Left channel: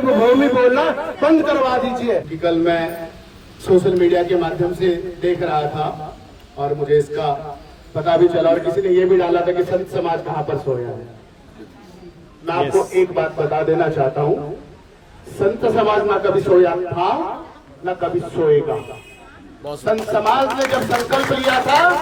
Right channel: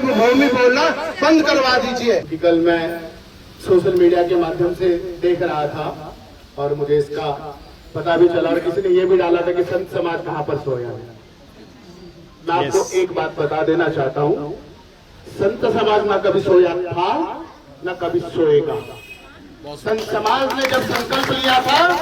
देवभूमि बोलना बंद करवा दीजिए। कल मैं सोशल मीडिया के माध्यम से देख रहा था और मुझे इसका पता भी चला और किसी ने ये भी डाला था कि संत समाज कहाँ पर सोया है। मैं आपको एक बात बता देना चाहता हूँ, संत समाज ना कभी सोया था ना कभी सोएगा। संत समाज ने जब संकल्प लिया था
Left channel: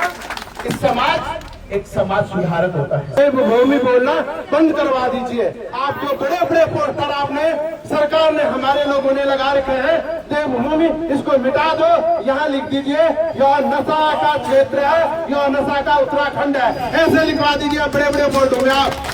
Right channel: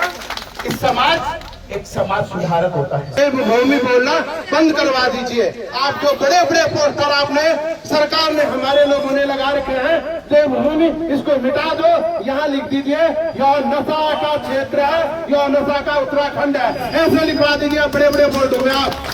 कि समाज एक समाज सुधारक होता है, देवभूमि बोलना बंद करवा दीजिए। आप जो बड़े बड़े पोस्टर आपने सरकार ने हमारे लोगों ने लगा रखे हैं, देवभूमि इसको मिटा दो, यहाँ लिख दीजिए यह नशा का क्षेत्र है, यह नशा का उत्तराखंड है, ऐसे लिखवा दीजिए बड़े बड़े बोर्ड में। आप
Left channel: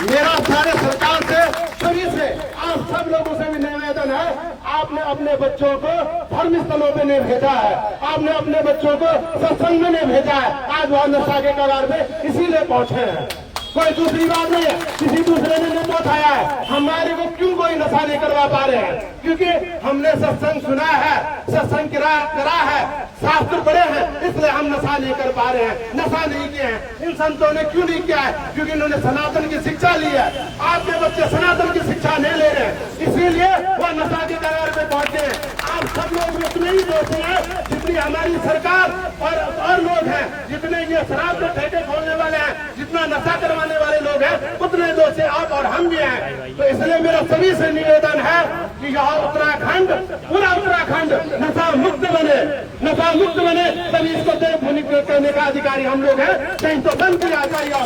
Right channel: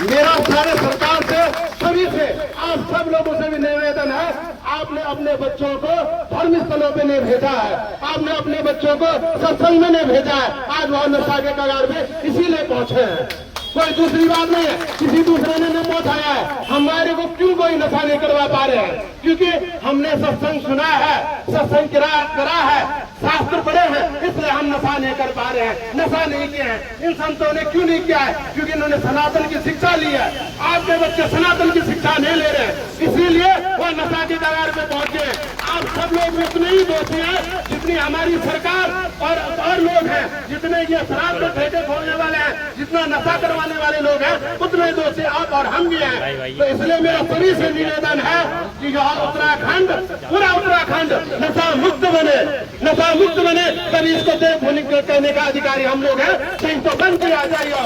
मेरा सारे सरकार से सभी से आप सब लोगों से भी निवेदन है, आपने अपने बच्चों को धर्म स्थलों पे नहीं भेजा है, आपने अपने बच्चों को सत्संग में नहीं भेजा है। आज वह नशा के कगार में इसीलिए पहुंचे हैं, कोई दूसरी बात नहीं है, किसी दूसरे ने नहीं उठाया है। हमारे को क्यों कोई नशा नहीं करवा पा रहे हैं? क्योंकि हमने सत्संग सुना है, सत्संग करा है, शास्त्र पढ़े हैं, इसलिए हम नशा नहीं कर पा रहे हैं, नशा नहीं किए हैं। इन संतों ने क्यों नहीं किया है? क्योंकि इन्होंने सनातन की शिक्षा ली है। आपके बच्चे सनातन की शिक्षा नहीं ले रहे हैं, इसीलिए वह नशा के कगार पे पहुंचे हैं। आप सब लोग इतने ही दोषी हैं जितनी हमारी सरकार और लोग हैं, जितने ये शराब के ठेके खोलने वाले हैं, जितना नशा करवाने वाले लोग हैं, उतने दोषी आप और हम भी हैं। तो इसलिए मेरा सभी से निवेदन है कि यह उत्तराखंड, पूरा उत्तराखंड नशा मुक्त बने, नशा मुक्त बने, तभी इसको देवभूमि करने का अधिकारी हम लोग हैं। कहीं तो बंद किया जाएगा।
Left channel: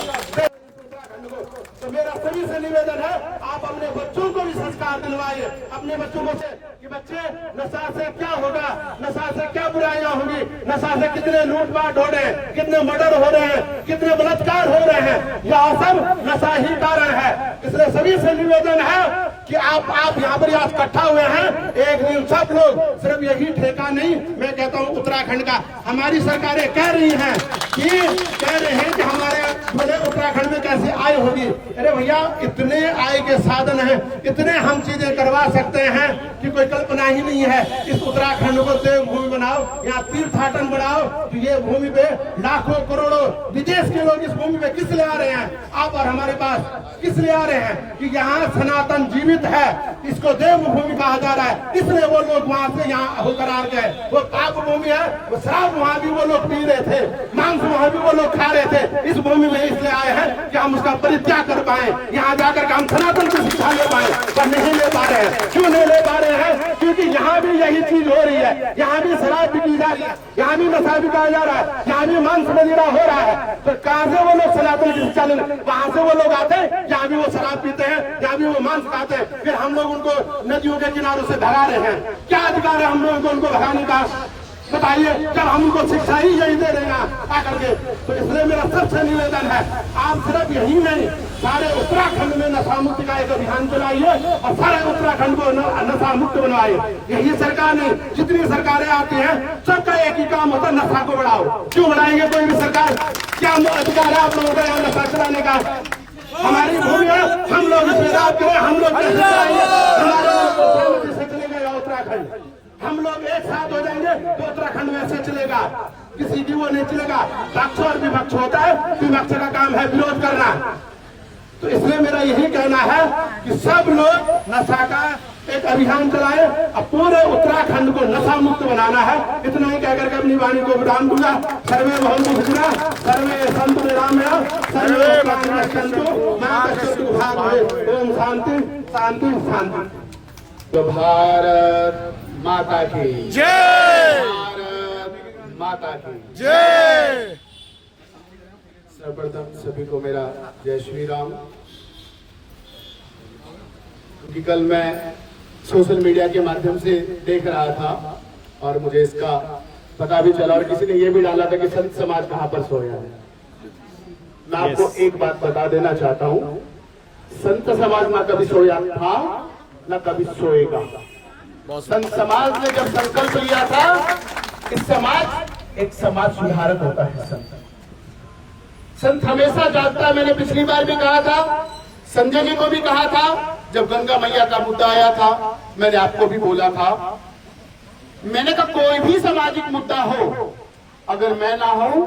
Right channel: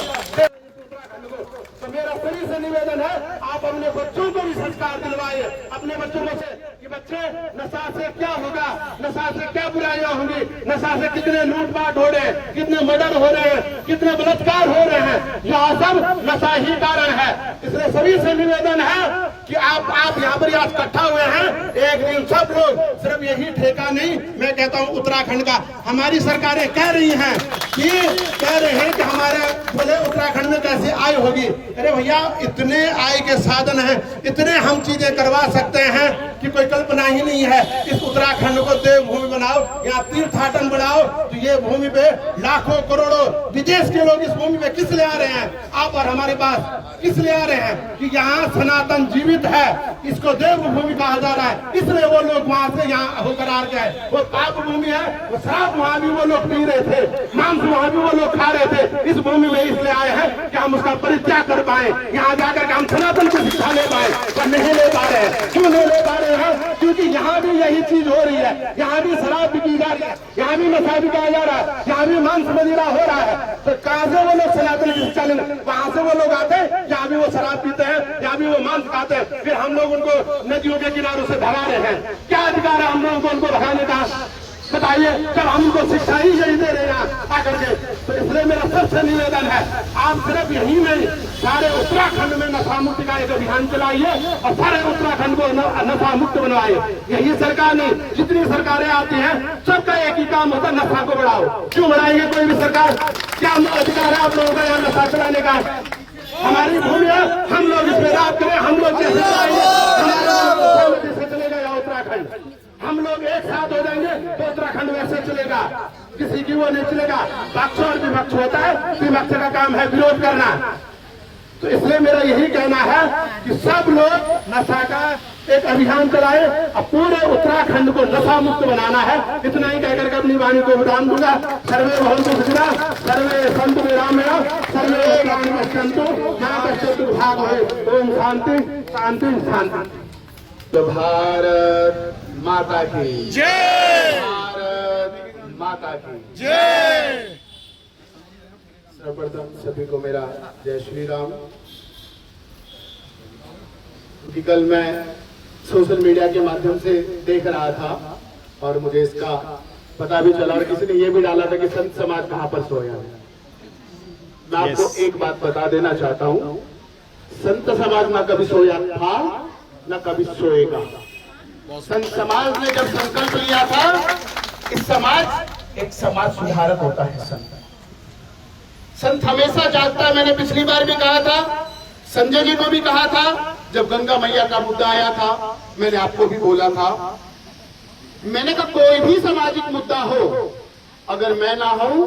तो मेरा सभी से निवेदन है, आप अपने बच्चों को भी संस्कार दिलवाइए, अपने बच्चों को से कि बच्चे नशा से क्या होगा, नशा से क्या बुराइयां होंगी, नशा से कितने लूटपाट हो रहे हैं, कितने मर्डर हो रहे हैं, कितने बलात्कार हो रहे हैं, यह सब नशा ही कारण है। इसलिए सभी से निवेदन है कि आप यहाँ पर आज इकट्ठा हुए हैं, एक दिन सब लोग, सिर्फ यही ठेका नहीं, मैं कहता हूँ उत्तराखंड का, हमारी सरकारें कह रही हैं कि हमारे बोले उत्तराखंड में कैसे आय होगी। अरे भैया, इतने आय के साधन हैं, इतने हम चीजें करवा सकते हैं कि कोई कल्पना ही नहीं है। इस उत्तराखंड को देवभूमि बनाओ, यहाँ तीर्थाटन बढ़ाओ, तो ये भूमि पे लाखों करोड़ों विदेश के लोग इस भूमि पे किस लिए आ रहे हैं? आप और हमारे पास किस लिए आ रहे हैं? कि यहाँ सनातन जीवित है, इसको देवभूमि कहा जा रहा है, इसलिए वो लोग वहाँ से यहाँ होकर आ गए। वो पाप भूमि है, वो शराब वहाँ भी वो लोग पी रहे थे, मांस वहाँ भी वो लोग खा रहे थे, इस भूमि में इसलिए आए हैं कि हम उसका परित्याग कर पाए, यहाँ जाकर के हम सनातन की शिक्षा ले पाए, पर नहीं ले पा रहे हैं। क्यों नहीं ले पा रहे हैं? क्योंकि यहाँ भी यही चीज हो रही है, यहाँ भी शराब बिकी जा रही है, यहाँ भी नशा बिकाया जा रहा है, यहाँ भी मांस मदिरा हो रहा है। तो कहाँ से वो लोग सनातन की शिक्षा लेंगे? वहाँ से वो लोग आते हैं जहाँ भी वो शराब पीते हैं, जहाँ भी वो मांस खाते हैं, फिर हम लोग उनको नदियों के किनारों से भगा रहे हैं। क्या अधिकार है हम लोगों को उनको भगाने का? बताइए, जब हम उनको शिक्षा ही यही दे रहे हैं आकर के। तो इसलिए मेरा सबसे निवेदन है, आप सिर्फ यही नहीं, सारे उत्तराखंड में नशा मुक्ति का एक अभियान चलाइए और सारे उत्तराखंड को नशा मुक्त बनवाइए। यही सरकार नहीं, जितनी सरकारें आती हैं, सबका एक ही काम होता है, नशा को बढ़ाओ। क्यों बढ़ाएंगे कोई भी सरकार? क्या अधिकार है आप लोगों का यहाँ नशा चलाने का? हमारी भूमि है, हम लोग इसमें राज करें, हम लोग कैसे चलाएंगे? हमारे से चलेगा यहाँ उत्तराखंड, हम लोग एक साथ हो जाएंगे तो उत्तराखंड वैसे चलेगा, किसी की वो नहीं चलेगा। पक्ष और विपक्ष होता है, विपक्ष का काम है विरोध करना। तो इसलिए मेरा यही कहना है कि सब लोग नशा का एक अभियान चलाए और पूरे उत्तराखंड को नशा मुक्त बनाना है। इतना ही कहकर के अपनी वाणी को विराम दूंगा। सर्वे भवन्तु सुखिनः, सर्वे सन्तु निरामयाः, सर्वे भद्राणि पश्यन्तु मा कश्चित् भाग भवेत्। ओम शांति शांति शांति। तो भारत माता की जय, भारत माता की जय। सर्वप्रथम सभी को मेरा जय श्री राम। क्योंकि कल मैं सोशल मीडिया के माध्यम से देख रहा था और मुझे इसका पता भी चला और किसी ने ये भी डाला था कि संत समाज कहाँ पर सोया है। मैं आपको एक बात बता देना चाहता हूँ, संत समाज ना कभी सोया था ना कभी सोएगा। संत समाज ने जब संकल्प लिया था कि समाज एक समाज सुधारक होता है। संत हमेशा जागता है। मैंने पिछली बार भी कहा था, संजय जी को भी कहा था, जब गंगा मैया का मुद्दा आया था, मैंने आपको भी बोला था, मैंने कहा कोई भी सामाजिक मुद्दा हो, अगर मैं ना हूं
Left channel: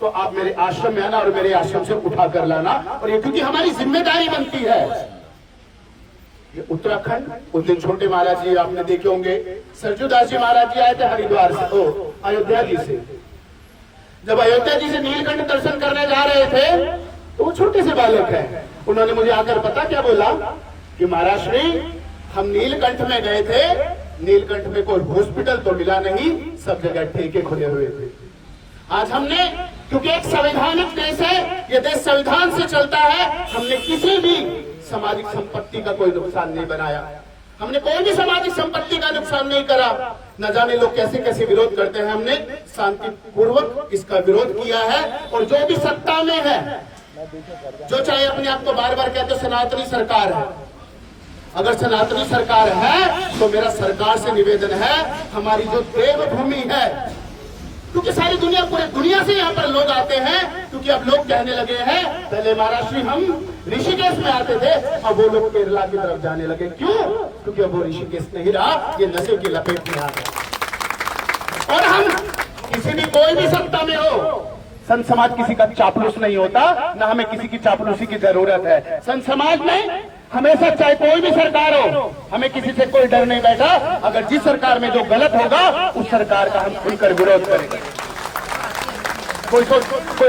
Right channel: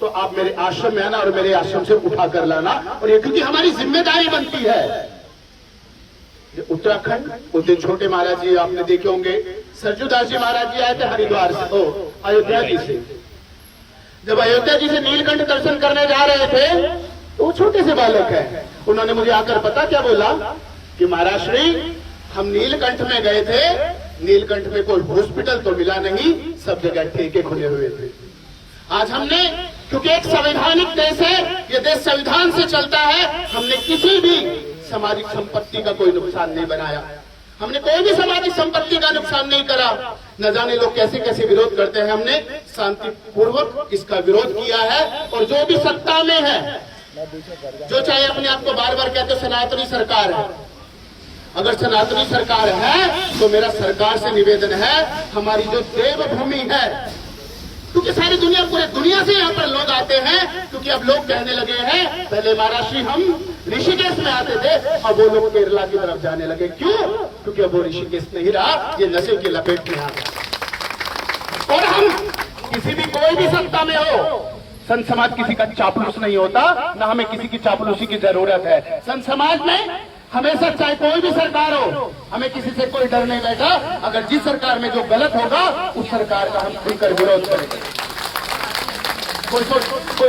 तो आप मेरे आश्रम में आना और मेरे आश्रम से उठा कर लाना। और ये क्योंकि हमारी जिम्मेदारी बनती है, उत्तराखंड, उस दिन छोटे महाराज जी आपने देखे होंगे, सरजू दास जी महाराज जी आए थे हरिद्वार से, अयोध्या जी से। जब अयोध्या जी से नीलकंठ दर्शन करने जा रहे थे तो वो छोटे से बालक है, उन्होंने मुझे आकर पता क्या बोला कि महाराज श्री हम नीलकंठ में गए थे, नीलकंठ में कोई हॉस्पिटल तो मिला नहीं, सब जगह ठेके खुले हुए थे। आज हमने, क्योंकि एक संवैधानिक देश है, ये देश संविधान से चलता है, हमने किसी भी सामाजिक संपत्ति का कोई नुकसान नहीं बनाया, हमने कोई भी सामाजिक संपत्ति का नुकसान नहीं करा। न जाने लोग कैसे कैसे विरोध करते हैं, हमने शांतिपूर्वक इसका विरोध किया है। और जो भी सत्ता में है, जो चाहे अपने आप को बार बार कहते सनातनी सरकार है, अगर सनातनी सरकार है तो मेरा सरकार से निवेदन है, हमारी जो देवभूमि है, क्योंकि सारी दुनिया, पूरे दुनिया से यहाँ पर लोग आते हैं, क्योंकि अब लोग कहने लगे हैं, पहले महाराज श्री हम ऋषिकेश में आते थे, अब वो लोग केरला की तरफ जाने लगे। क्यों? क्योंकि अब वो ऋषिकेश नहीं रहा, ये नशे की लपेट में आ गए। और हम किसी भी, कोई भी सत्ता में हो, संत समाज किसी का चापलूस नहीं होता, ना हमें किसी की चापलूसी की जरूरत है। संत समाज में हमेशा, चाहे कोई भी सरकार हो, हमें किसी से कोई डर नहीं बैठा। अगर जिस सरकार में जो गलत होगा उस सरकार का हम खुलकर विरोध करेंगे। कोई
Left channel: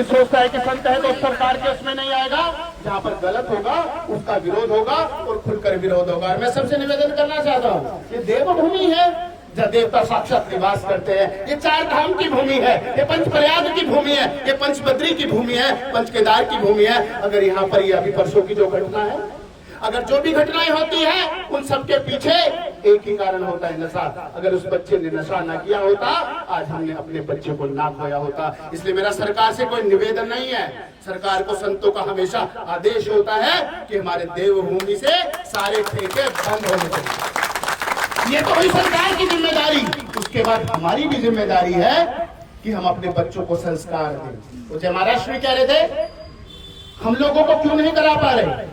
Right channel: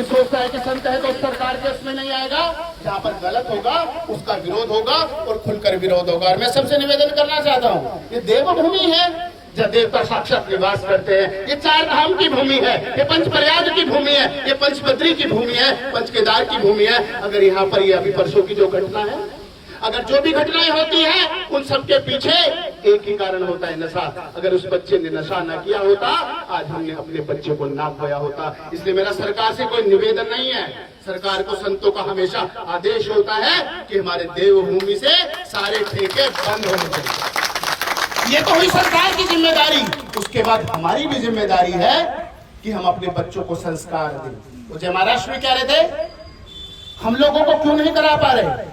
सोचता है कि संत है तो उस सरकार के उसमें नहीं आएगा, जहाँ पर गलत होगा उसका विरोध होगा और खुलकर विरोध होगा। और मैं सबसे निवेदन करना चाहता हूँ, ये देवभूमि है जहाँ देवता साक्षात निवास करते हैं, ये 4 धाम की भूमि है, ये पंचप्रयाग की भूमि है, ये पंचबद्री की भूमि है, पंचकेदार की भूमि है। अगर यहाँ पर ये अभी परसों की जो घटना है, अगर जो भी घटनाएं होती है, उन सबके पीछे एक ही कारण होता है, नशा। अगर उस बच्चे ने नशा ना किया होता, आज हमने अपने बच्चे को ना खोया होता। इसलिए मेरा सरकार से कोई निवेदन नहीं है, सरकार को, संतों का हमेशा आदेश होता है कि हमारे देवभूमि से सारे ठेके बंद होने चाहिए। ये तो हुई सरकार की जिम्मेदारी। उसके बाद हमारी भी जिम्मेदारी है कि हम अपने बच्चों को संस्कार दें। तो जय महाराष्ट्र में कह रहे थे, हम लोगों को क्यों नहीं करा पा रहे,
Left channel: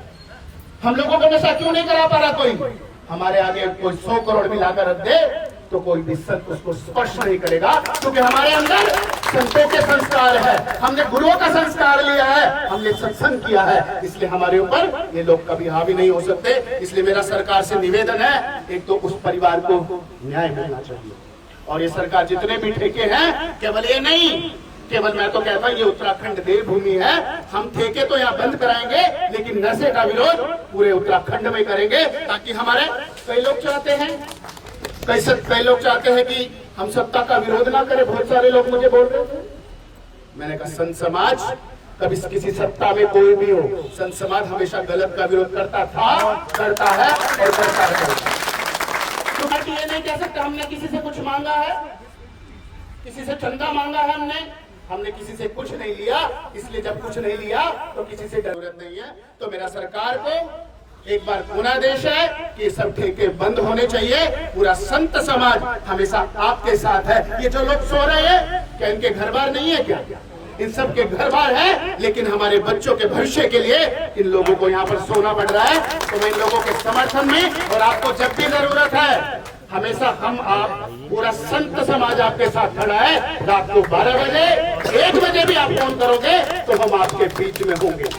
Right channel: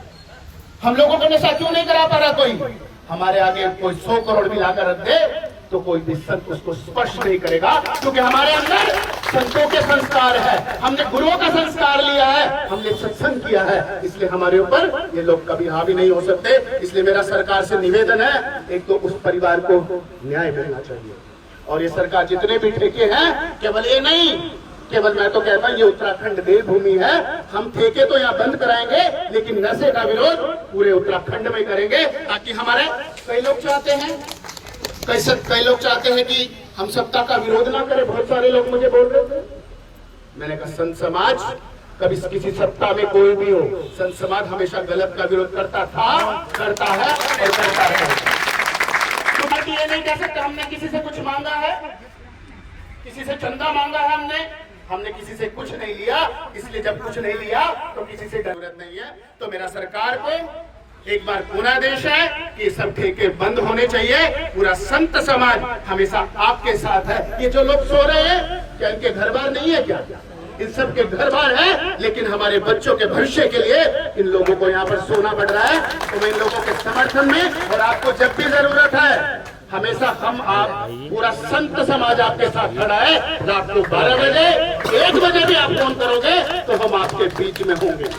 हम लोगों को नशा क्यों नहीं करा पा रहा कोई? हमारे आगे कोई 100 करोड़ भी लाकर रख दे तो कोई भी संत उसको स्पर्श नहीं करेगा, क्योंकि हमारे अंदर संतों के संस्कार है, हमने गुरुओं का संस्कार लिया है, हमने सत्संग किया है, इसलिए हमारे ऊपर ये लोग कभी हावी नहीं हो सकते। इसलिए मेरा सरकार से निवेदन है, एक तो उस परिवार को न्याय मिलना चाहिए। और ये सरकार जितने भी ठेके हैं, केवल ये नहीं, केवल मैं तो कहता हूँ ये उत्तराखंड देवभूमि है, हम ठेके तो यहाँ बंद कराएंगे, लेकिन नशे का विरोध पूरे उत्तराखंड में करेंगे, ताकि हमारे कई लोग चाहते हैं, कई लोग चाहते हैं कि हम सत्ता का विरोध ना करें। बहुत सारे लोग मुझे बोल रहे थे, मैंने कहा संत समाज कभी किसी सत्ता में कोई भी हो, संत समाज हमेशा गलत का विरोध करता था, करता है और करता रहेगा। तो बाकी ये नहीं कह सकते हमने किसी से कुछ मांगा है, किसी से चंदा मांगा है, हमने किसी से कुछ नहीं लिया। इसलिए जब कुछ नहीं लिया तो किसी से जरूरत नहीं है। तो मेरा सरकार को एक बार पुनः आदेश है कि ये सब ठेके बंद होने चाहिए। पूरा संत समाज हमेशा आपके साथ है। ये जो लोग सो रहे हैं, क्या इनके घर बार नहीं है क्या? इन सब के घर बार है, लेकिन हमारे बच्चों के भविष्य के लिए इन लोगों को यहाँ पर सोना पड़ रहा है। तो मैं इन लोगों के समर्थन में, और आपको जब भी जरूरत है, हमेशा हम आप पूरा संत समाज आपके साथ खड़ा है। रात को 12 बजे 1 बजे भी आप फोन करोगे तो हम आपके बीच में होंगे।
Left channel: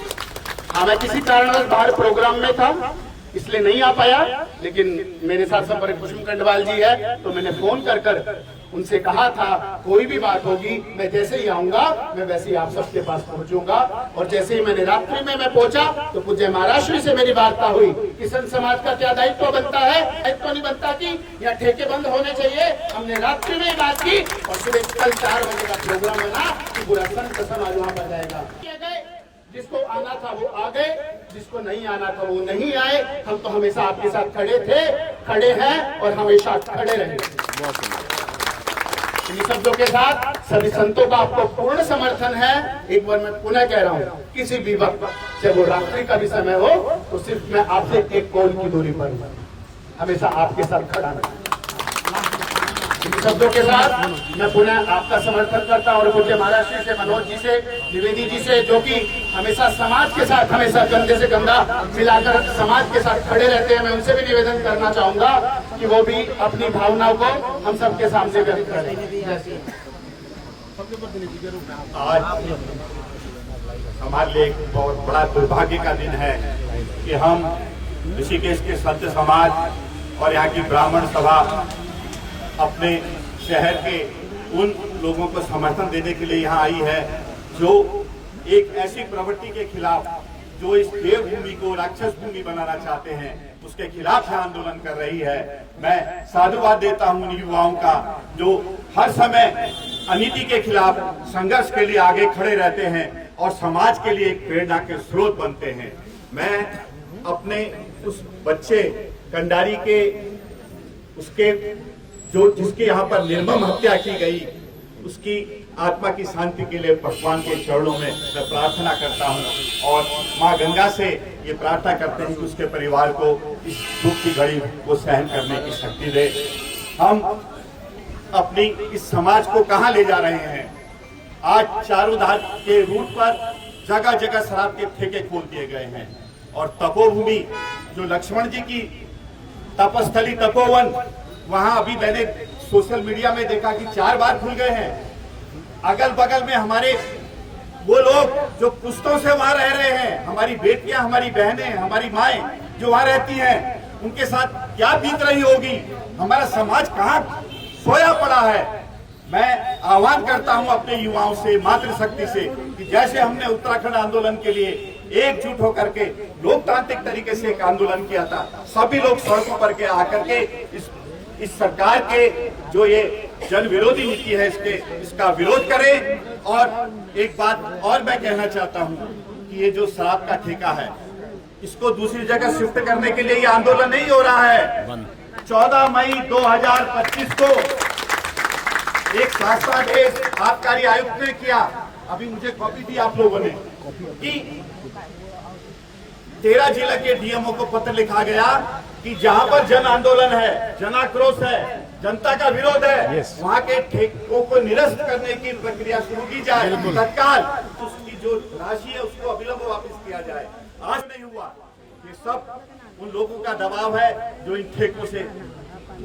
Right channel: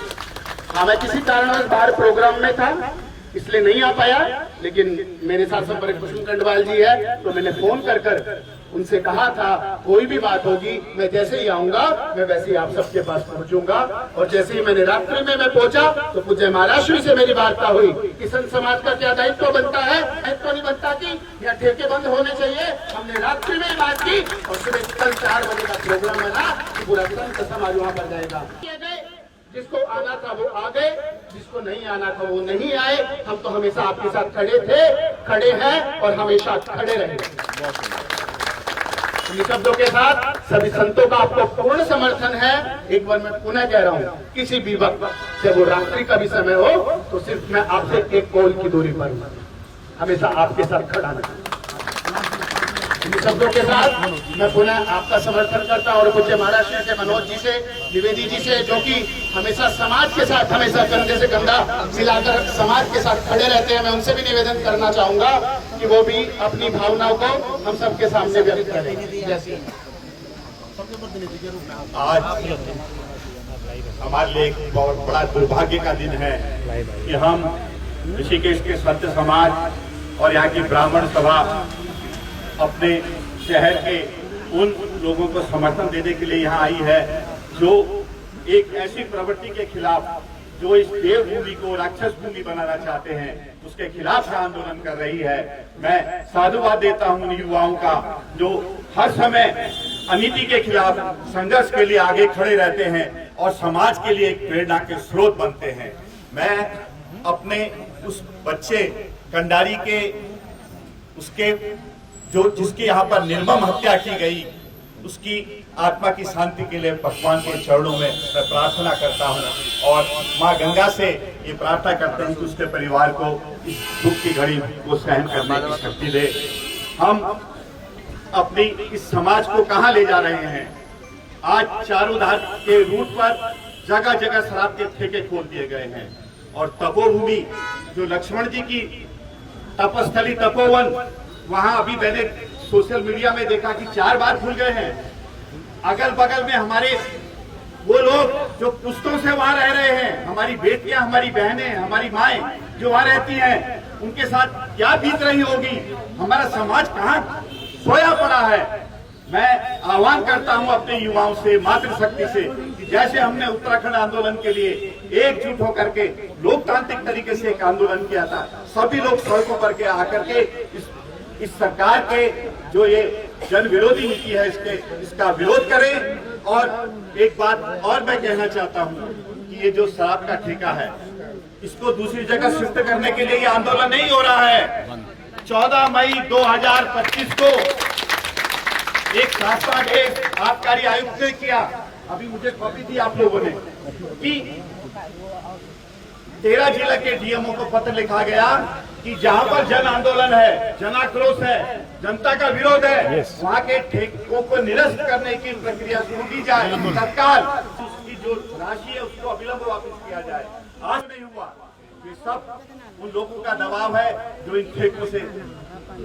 हाँ, मैं किसी कारणवश बाहर प्रोग्राम में था, इसलिए नहीं आ पाया, लेकिन मेरे साथ संपर्क कुसुम कंडवाल जी है, तो मैंने फोन कर उनसे कहा था कोई भी बात होगी मैं जैसे ही आऊंगा मैं वैसे ही आप सबके पास पहुंचूंगा। और जैसे ही मैंने रात्रि में मैं पहुंचा तो पूज्य महाराष्ट्र से मेरी वार्ता हुई कि संत समाज का क्या दायित्व बनता है। दायित्व नहीं बनता कि यहाँ ठेके बंद होने चाहिए। हमने रात्रि में बात की और सुबह कल 4 बजे का प्रोग्राम है ना कि पूरा संत समाज वहाँ पर जाएगा। जिसको आना था वो आ गए, जिसको नहीं आना था वो नहीं आए। हम तो हमेशा आपके साथ खड़े थे, खड़े हैं और हमेशा खड़े रहेंगे। इन शब्दों के साथ सभी संतों का आपको पूर्ण समर्थन है। एक बार मैं पुनः कह रहा हूँ, किसी भी वक्त जब वो रात्रि का भी समय हो तो सिर्फ मैं आपसे 1 कॉल की दूरी पर हूँ, हमेशा आपके साथ खड़ा रहूँ। इन शब्दों के साथ मैं पुनः आपका समर्थन करता हूँ और पूज्य महाराष्ट्र से, मनोज जी से, द्विवेदी जी से, जो कि हमेशा समाज के साथ, हमेशा कंधे से कंधा मिलाकर समाज के साथ खड़े रहते हैं, मैं उनसे भी निवेदन करना चाहूंगा कि वो भी अपनी भावनाओं को हम सबके सामने व्यक्त करें। आज हमारे लिए एक बहुत बड़ा दुर्भाग्य का दिन है कि हम ऋषिकेश के संत समाज और यहाँ की ब्राह्मण सभा अपने शहर के उन लोगों को समर्थन देने के लिए यहाँ आई है जो एक ऐसी प्रवृत्ति के खिलाफ, जो इस देवभूमि को राक्षस भूमि बनाना चाहते हैं, उसके खिलाफ आंदोलन कर रही है। मैं साधुवाद देता हूं उन युवाओं का जो हर समय अनीति के खिलाफ संघर्ष के लिए आगे खड़े रहते हैं और समाज के लिए एक प्रेरणा के स्रोत बनते हैं। मैं अपने उस बच्चे कंडारी के उसके जो जिसके यहाँ पर निर्मम हत्या की गई, उसकी आत्मा की शांति के लिए भगवान के चरणों में मैं प्रार्थना करता हूँ और माँ गंगा से ये प्रार्थना करता हूँ कि उसके परिवार को इस दुख की घड़ी को सहन करने की शक्ति दे। हम अपनी इस समाज को कहाँ ले जा रहे हैं? आज चारों धार के रूट पर जगह जगह शराब के ठेके खोल दिए गए हैं और तपोभूमि जो लक्ष्मण जी की तपस्थली तपोवन, वहां अभी मैंने सोशल मीडिया में देखा कि 4 बार खुल गए हैं। अगल बगल में हमारे वो लोग जो पुश्तों से वहां रह रहे हैं, हमारी बेटियां, हमारी बहनें, हमारी माएं जो वहां रहती हैं, उनके साथ क्या बीत रही होगी? हमारा समाज कहाँ सोया पड़ा है? मैं आह्वान करता हूं अपने युवाओं से, मातृशक्ति से, कि जैसे हमने उत्तराखंड आंदोलन के लिए एकजुट होकर के लोकतांत्रिक तरीके से एक आंदोलन किया था, सभी लोग सड़कों पर के आकर के इस सरकार के जो ये जन विरोधी नीति है इसका विरोध करें। और एक बात और मैं कहना चाहता हूं कि ये जो शराब का ठेका है, इसको दूसरी जगह शिफ्ट करने के लिए ये आंदोलन नहीं हो रहा है। 14 मई 2025 को एक शासनादेश आबकारी आयुक्त ने किया, अभी मुझे कॉपी दी आप लोगों ने, कि 13 जिला के डीएमओ को पत्र लिखा गया कि जहां पर जन आंदोलन है, जन आक्रोश है, जनता का विरोध है, वहां के ठेकों को निरस्त करने की प्रक्रिया शुरू की जाए, तत्काल उसकी जो राशि है उसको अविलंब वापस किया जाए। आज नहीं हुआ। ये सब उन लोगों का दबाव है जो इन ठेकों से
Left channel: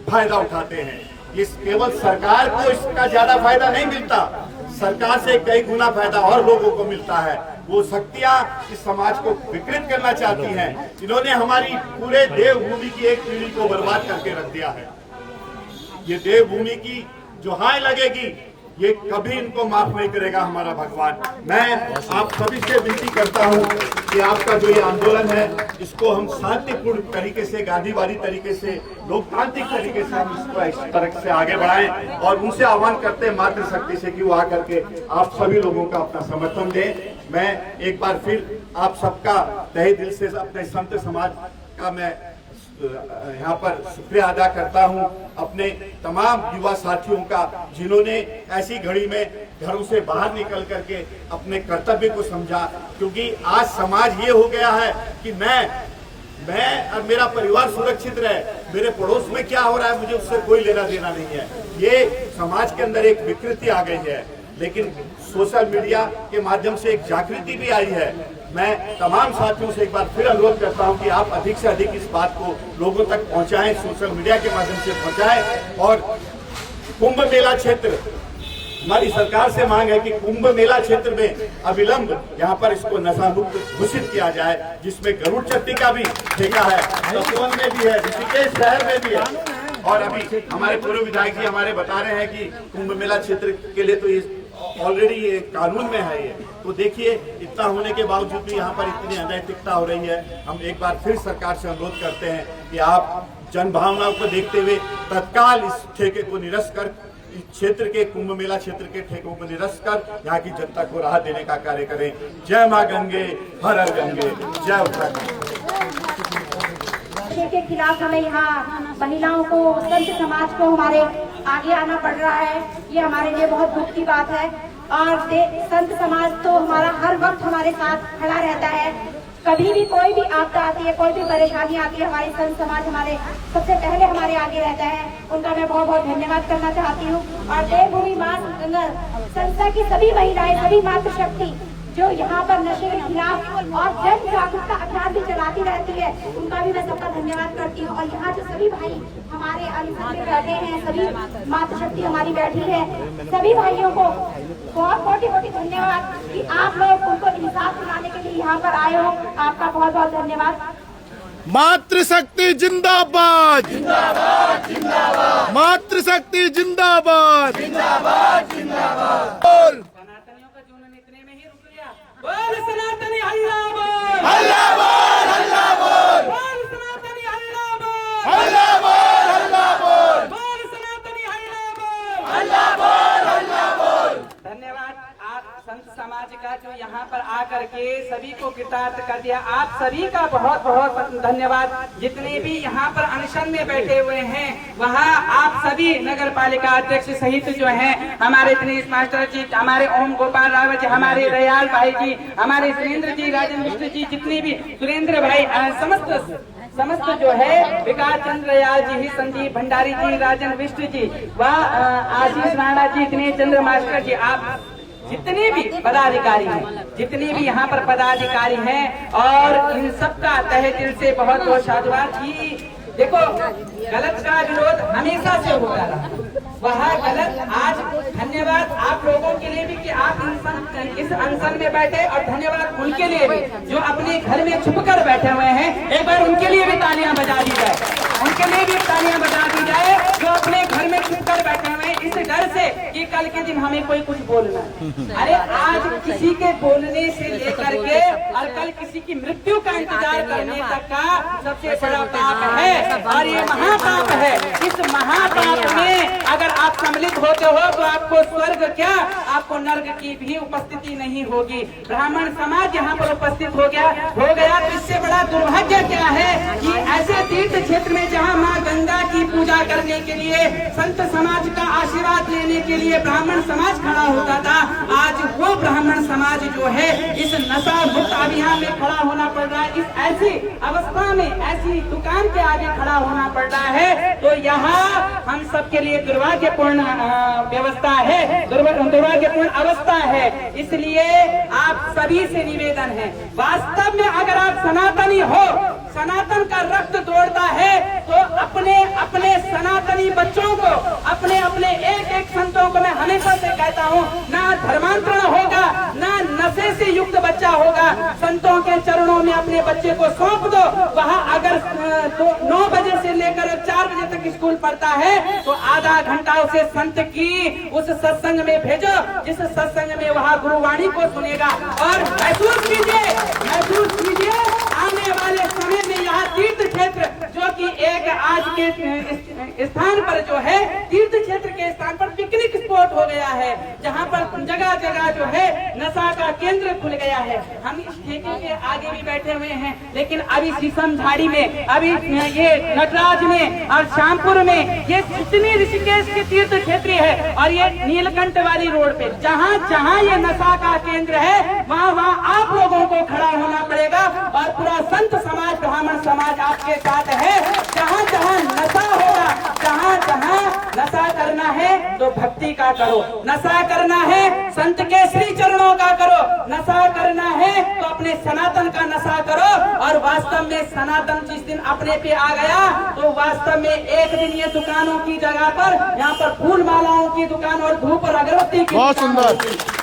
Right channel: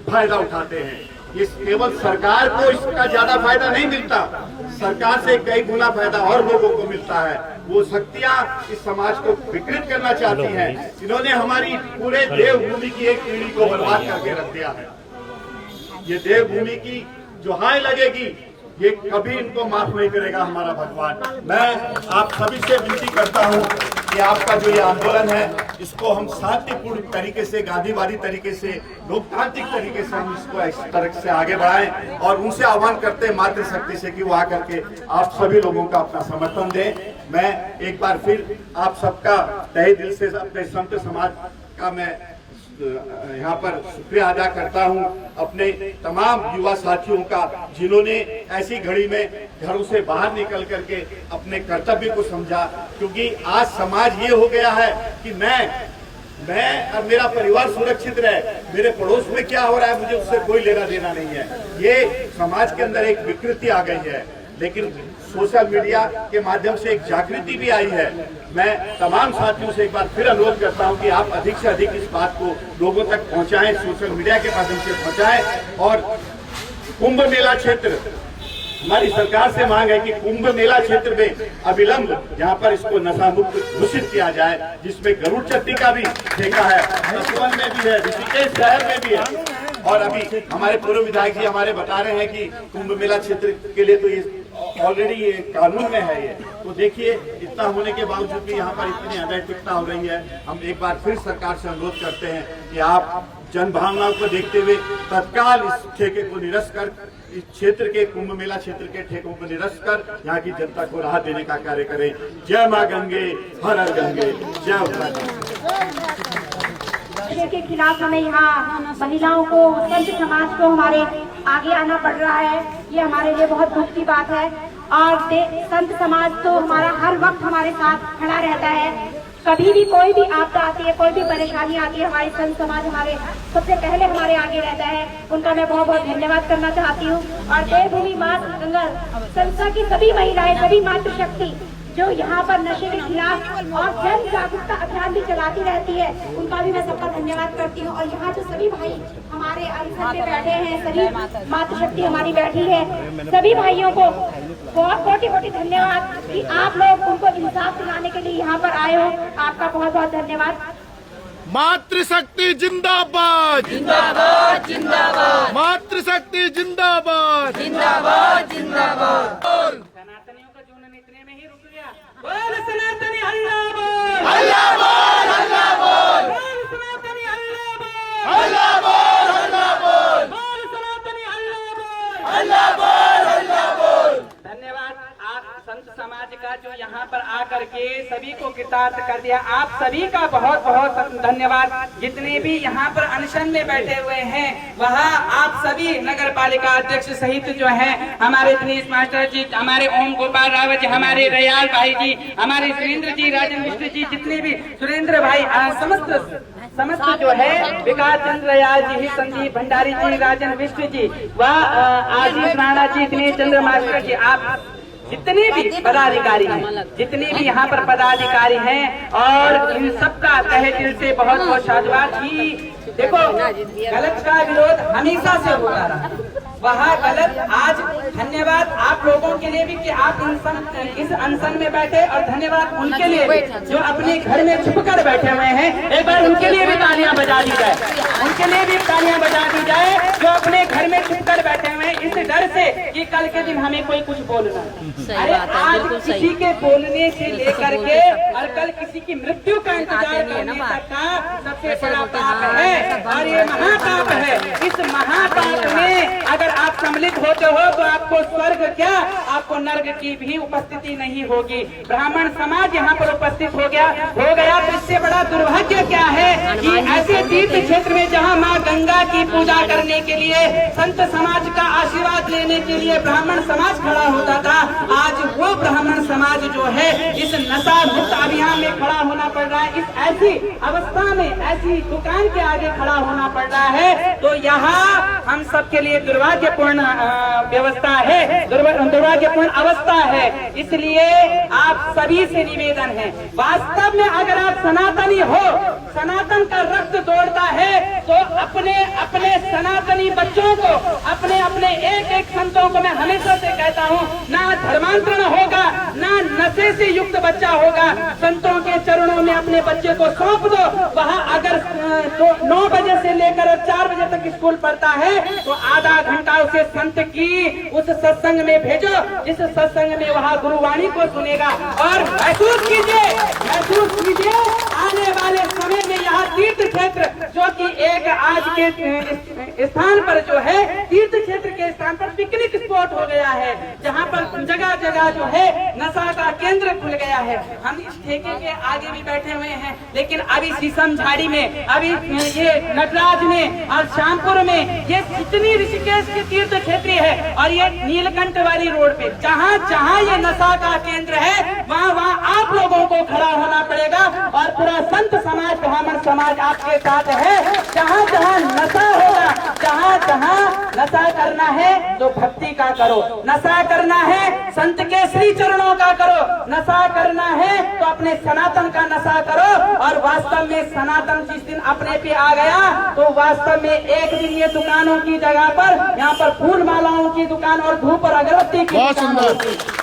फायदा उठाते हैं। ये केवल सरकार को इसका ज्यादा फायदा नहीं मिलता, सरकार से कई गुना फायदा और लोगों को मिलता है। वो शक्तियां इस समाज को विकृत करना चाहती हैं। इन्होंने हमारी पूरे देवभूमि की एक पीढ़ी को बर्बाद करके रख दिया है। ये देवभूमि की जो हाय लगेगी, ये कभी इनको माफ नहीं करेगा हमारा भगवान। मैं आप सभी से विनती करता हूं कि आपका जो ये आंदोलन है, इसको हम शांतिपूर्ण तरीके से, गांधीवादी तरीके से, लोकतांत्रिक तरीके से हम इसको इस तरह से आगे बढ़ाएं और उनसे आह्वान करते हैं मातृशक्ति से कि वो आकर के आप सभी लोगों का अपना समर्थन दें। मैं एक बार फिर आप सबका तहे दिल से अपने संत समाज का मैं यहाँ पर शुक्रिया अदा करता हूँ, अपने तमाम युवा साथियों का जिन्होंने ऐसी घड़ी में घरों से बाहर निकल करके अपने कर्तव्य को समझा। क्योंकि आज समाज ये हो गया है कि मैं और मेरा परिवार सुरक्षित रहे, मेरे पड़ोस में क्या हो रहा है मुझे उससे कोई लेना देना नहीं है। ये समाज के अंदर एक विकृति आ गई है, लेकिन सोशल मीडिया के माध्यम से एक जागृति भी आई है। मैं तमाम साथियों से एक बार फिर अनुरोध करता हूं कि आप अधिक से अधिक इस बात को लोगों तक पहुंचाएं, सोशल मीडिया के माध्यम से पहुंचाएं। और कुंभ मेला क्षेत्र, हमारी सरकार से मांग है कि कुंभ मेला क्षेत्र में अविलंब यहाँ पर इसको नशा मुक्त घोषित किया जाए, जिसमें गरुड़ चट्टी का भी ठेका है, तपोवन में भी है, ऋषिकेश शहर में भी है। और अभी हमारे पूर्व विधायक जी हमारे बता रहे हैं कि कुंभ मेला क्षेत्र के लिए तो ये ऑलरेडी ये कानून में है। ये तो देखिए, इतना होने के बावजूद भी यहाँ पर इतनी अनैतिकता हो रही है। हम एक बार फिर सरकार से अनुरोध करते हैं कि आप जन भावनाओं को देखते हुए तत्काल इस ठेके को निरस्त कर, इस क्षेत्र के कुंभ मेला क्षेत्र के ठेकों को निरस्त कर यहाँ की जनता को राहत देने का कार्य करें। जय माँ गंगे, हर हर गंगे, जय उत्तराखंड। के खिलाफ हमें यहाँ महिलाओं को, संत समाज को हमारे आगे आना पड़ रहा है। ये हमारे लिए बहुत दुख की बात है। और संत समाज तो हमारा हर वक्त हमारे साथ खड़ा रहता है। कभी भी कोई भी आपदा आती है, कोई भी परेशानी आती है, हमारे संत समाज हमारे सबसे पहले हमारे आगे रहता है। उनका मैं बहुत बहुत धन्यवाद करना चाहती हूँ। और देवभूमि माँ गंगा संस्था की सभी महिलाएं, सभी मातृशक्ति जो यहाँ पर नशे के खिलाफ और जन जागरूकता अभियान भी चलाती रहती है, उनका भी मैं सबका धन्यवाद करती हूँ। और यहाँ जो सभी भाई हमारे अरिसर में बैठे हैं, सभी मातृशक्ति हमारी बैठी है, सभी भाइयों को बहुत कोटि धन्यवाद कि आप लोग उनको इंसाफ दिलाने के लिए यहाँ पर आए हो। आपका बहुत बहुत धन्यवाद। मातृशक्ति जिंदाबाद जिंदाबाद जिंदाबाद, मातृशक्ति जिंदाबाद जिंदाबाद जिंदाबाद। सनातनियों का जुनून इतने में ही रुक गया। बोल सनातनी हल्ला बोल, हल्ला बोल, हल्ला बोल, बोल सनातनी हल्ला बोल, हल्ला बोल, हल्ला बोल, बोल सनातनी हल्ला बोल, हल्ला बोल, हल्ला बोल। धन्यवाद आप संत समाज का जो यहाँ पर आकर के सभी को कृतार्थ कर दिया। आप सभी का बहुत बहुत धन्यवाद। जितने भी यहाँ पर अनशन में बैठे हुए हैं वहाँ आप सभी नगर पालिका अध्यक्ष सहित जो है हमारे दिनेश मास्टर जी, हमारे ओम गोपाल रावत जी, हमारे रयाल भाई जी, हमारे सुरेंद्र जी, राजन मिश्र जी, जितने भी सुरेंद्र भाई, समस्त जो है विकास चंद्र रयाल जी, संदीप भंडारी जी, राजन विष्णु जी व आशीष राणा जी, दिनेश चंद्र मास्टर जी, आप जितने भी पदाधिकारी हैं, जितने भी यहाँ पर पदाधिकारी हैं और इन सबका तहे दिल से बहुत बहुत साधुवाद की। देखो गलत का विरोध हमेशा से होता रहा, वह गलत आज धन्यवाद आप लोगों के लिए भी कि आप इस अनशन में बैठे, और धन्यवाद उनके लिए भी जो अपने घर में छुप कर बैठे हुए हैं। एक बार उनके लिए भी तालियां बजा दी जाए, उनके लिए भी तालियां बजा दी जाए जो अपने घर में छुप कर बैठे हुए हैं इस डर से कि कल के दिन हमें कोई कुछ बोलना है। अरे आज किसी के बोलने से लेकर के और कल किसी की मृत्यु का इंतजार करने तक का सबसे बड़ा पाप है और ये महापाप है। इस महापाप में अगर आप सम्मिलित होते हो तो आपको स्वर्ग क्या, आपको नर्क की भी उपस्थिति नहीं होगी। ब्राह्मण समाज यहाँ पर उपस्थित हो गया तो इससे बड़ा दुर्भाग्य क्या है कि ऐसे तीर्थ क्षेत्र में जहाँ माँ गंगा की पूजा करने के लिए, संत समाज का आशीर्वाद लेने के लिए ब्राह्मण समाज खड़ा होता था, आज वो ब्राह्मण समाज जो है इस नशा मुक्त अभियान में खड़ा होना पड़ रहा है। इस ऐसी अवस्था में ऐसी दुकान के आगे खड़ा होना पड़ रहा है, तो यहाँ हम सबके लिए दुर्भाग्यपूर्ण व्यवस्था है, दुर्भाग्यपूर्ण अवस्था है। इसलिए आप सभी से निवेदन है, वास्तव में अगर आप सनातनी हो, सनातन का रक्त दौड़ता है तो अपने अपने सनातनी बच्चों को, अपने अपने एक एक संतों को मैं हमेशा से कहता हूँ, ना धर्मांतरण होगा, ना नशे से युक्त बच्चा होगा। संतों के चरणों में अपने बच्चे को सौंप दो। वहाँ अगर 9 बजे से लेकर 4 बजे तक स्कूल पढ़ता है तो आधा घंटा उसे संत की उस सत्संग में भेजो, जिस सत्संग में वहाँ गुरुवाणी को सुनेगा। और महसूस कीजिए आने वाले समय में यहाँ तीर्थ क्षेत्र जो कि एक आज के स्थान पर जो है तीर्थ क्षेत्र के स्थान पर पिकनिक स्पॉट हो गया है, जहाँ पर जगह जगह जो है नशा का केंद्र खुल गया है। हम इस ठेके के आगे भी बैठे हुए हैं, लेकिन अभी शीशम झाड़ी में, अभी ये नटराज में और श्यामपुर में, ये जितनी ऋषिकेश की तीर्थ क्षेत्र है और ये नीलकंठ वाली रोड पे जहाँ जहाँ ये नशा का केंद्र है वहाँ वहाँ आप लोगों को खड़ा होना पड़ेगा। और पूरा संत समाज, ब्राह्मण समाज आपके साथ है। जहाँ जहाँ नशा होगा, जहाँ जहाँ नशा करना है तो भक्ति का करो, नशा करना है संत के श्री चरणों का करो, नशा करना है तो अपने सनातन का नशा करो। और वास्तव में सनातन जिस दिन अपने पे आ गया तो वास्तव में एक दिन ये दुकानों की जगह पर यहाँ पर फूल मालाओं की दुकान और धूप और अगरबत्ती की बहुत सुंदर।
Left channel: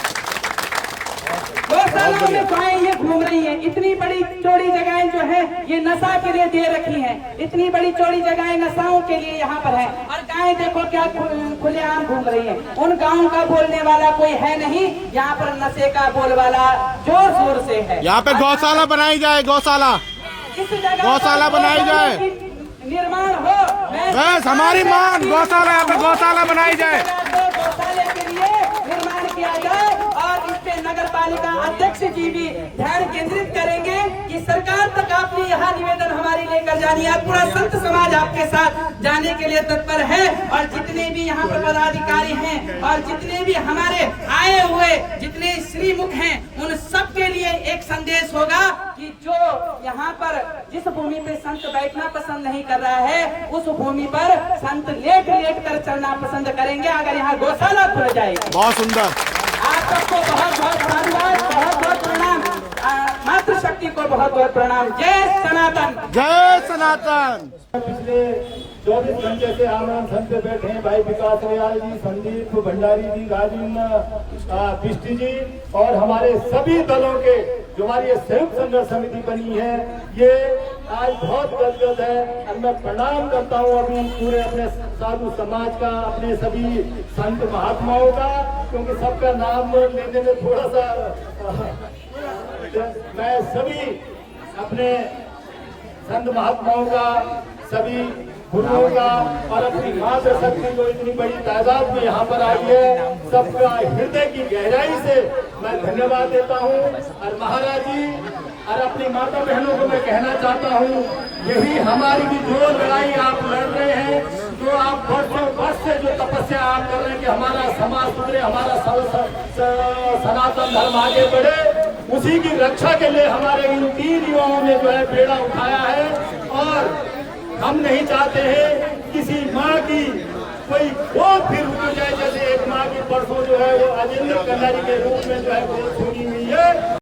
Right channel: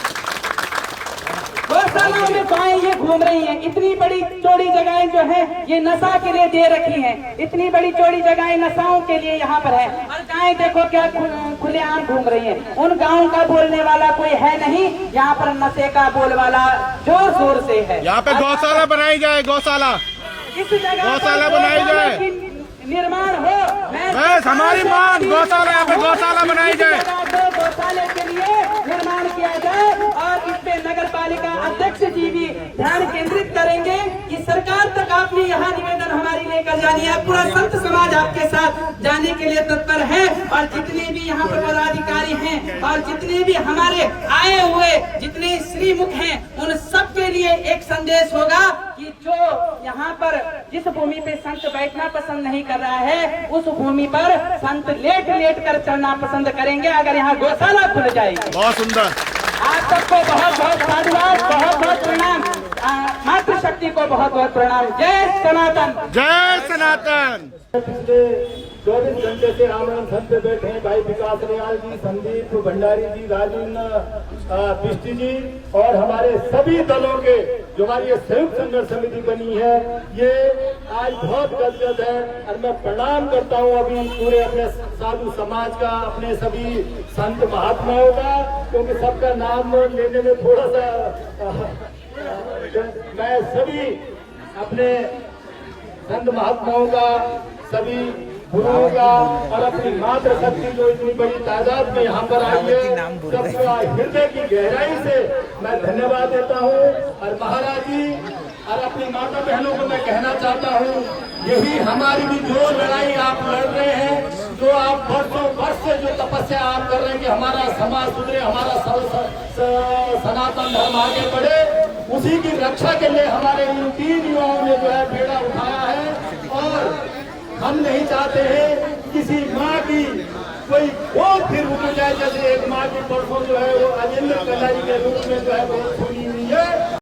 गौशालाओं में गायें ये घूम रही हैं, इतनी बड़ी चौड़ी जगहें जो है ये नशा के लिए दे रखी हैं, इतनी बड़ी चौड़ी जगहें नशाओं के लिए यहाँ पर है। और गायें देखो क्या खुलेआम घूम रही हैं। उन गाँव का बोलने वाला कोई है नहीं, यहाँ पर नशे का बोलवाला जोर शोर से है। यहाँ पे गौशाला बनाई जाए, गौशाला, इस जगह गौशाला बनाई जाए, निर्माण हो। बस हमारी मांग गौशाला, यहाँ पे गौशाला बनाई जाए, गौशाले के लिए निर्माण किया जाए। और इस पे नगर पालिका अध्यक्ष जी भी ध्यान केंद्रित करेंगे कि सरकार तक आपने यहाँ निवेदन हमारी लेकर जानी है। पूरा संत समाज आपके साथ जाने के लिए तत्पर है। और जितने भी यहाँ पर पदाधिकारी हैं और जितने भी हमारे आए हुए जितने श्रीमुख हैं, उन सब के लिए एक संदेश होगा कि जो यहाँ पर जिस भूमि पे संत बैठना पसंद नहीं कर रहा है, उस भूमि पर संत लेट लेट कर चलना पसंद करेंगे अगर यहाँ गौशाला खुल जाएगी। बहुत सुंदर। आप सबको बहुत बहुत धन्यवाद, बहुत बहुत प्रणाम। मातृशक्ति शक्ति को बहुत बहुत प्रणाम। जय सनातन। जय सनातन। पिछले 24 घंटे से आमरण धन पे बैठे हैं भाई विकास रियाल जी, संदीप भंडारी जी, राजेंद्र बिष्टी जी और हमारे सभी दलों के जो हमारी ये संयुक्त संघर्ष समिति बनी है, ये आज बहुत गदगद है। और मैं प्रणाम करता हूँ अभी पूरे अपने साधु समाज का, अपने सभी संत महात्माओं का, क्योंकि सबका नाम लेने में थोड़ा सा मैं सभी अपने संत महात्माओं का, सभी गुरुओं का और अपनी मातृ शक्ति जो इतनी बड़ी तादाद में यहाँ पर आई है, सबका हृदय की गहराई से मैं धन्यवाद देता हूँ। और महाराज जी और अपनी माता बहनों को मैं कहना चाहता हूँ, यही हमारी भी जो लड़ाई आप लड़ रहे हैं, जो आप वर्षों वर्ष से जो तपस्या आप कर रहे हैं कि हमारा समाज सुधरे, हमारा सनातन धर्म आगे बढ़े, उसी की रक्षा के लिए हमारे इन 3 युवाओं ने जो है बेड़ा उठाया है। और हम नहीं चाहते हैं किसी माँ की कोई गोद फिर उठ जाए, जैसे एक माँ की परसों जो है वो अजेंद्र कल्लारी के रूप में जो है वो सुनी हुई है।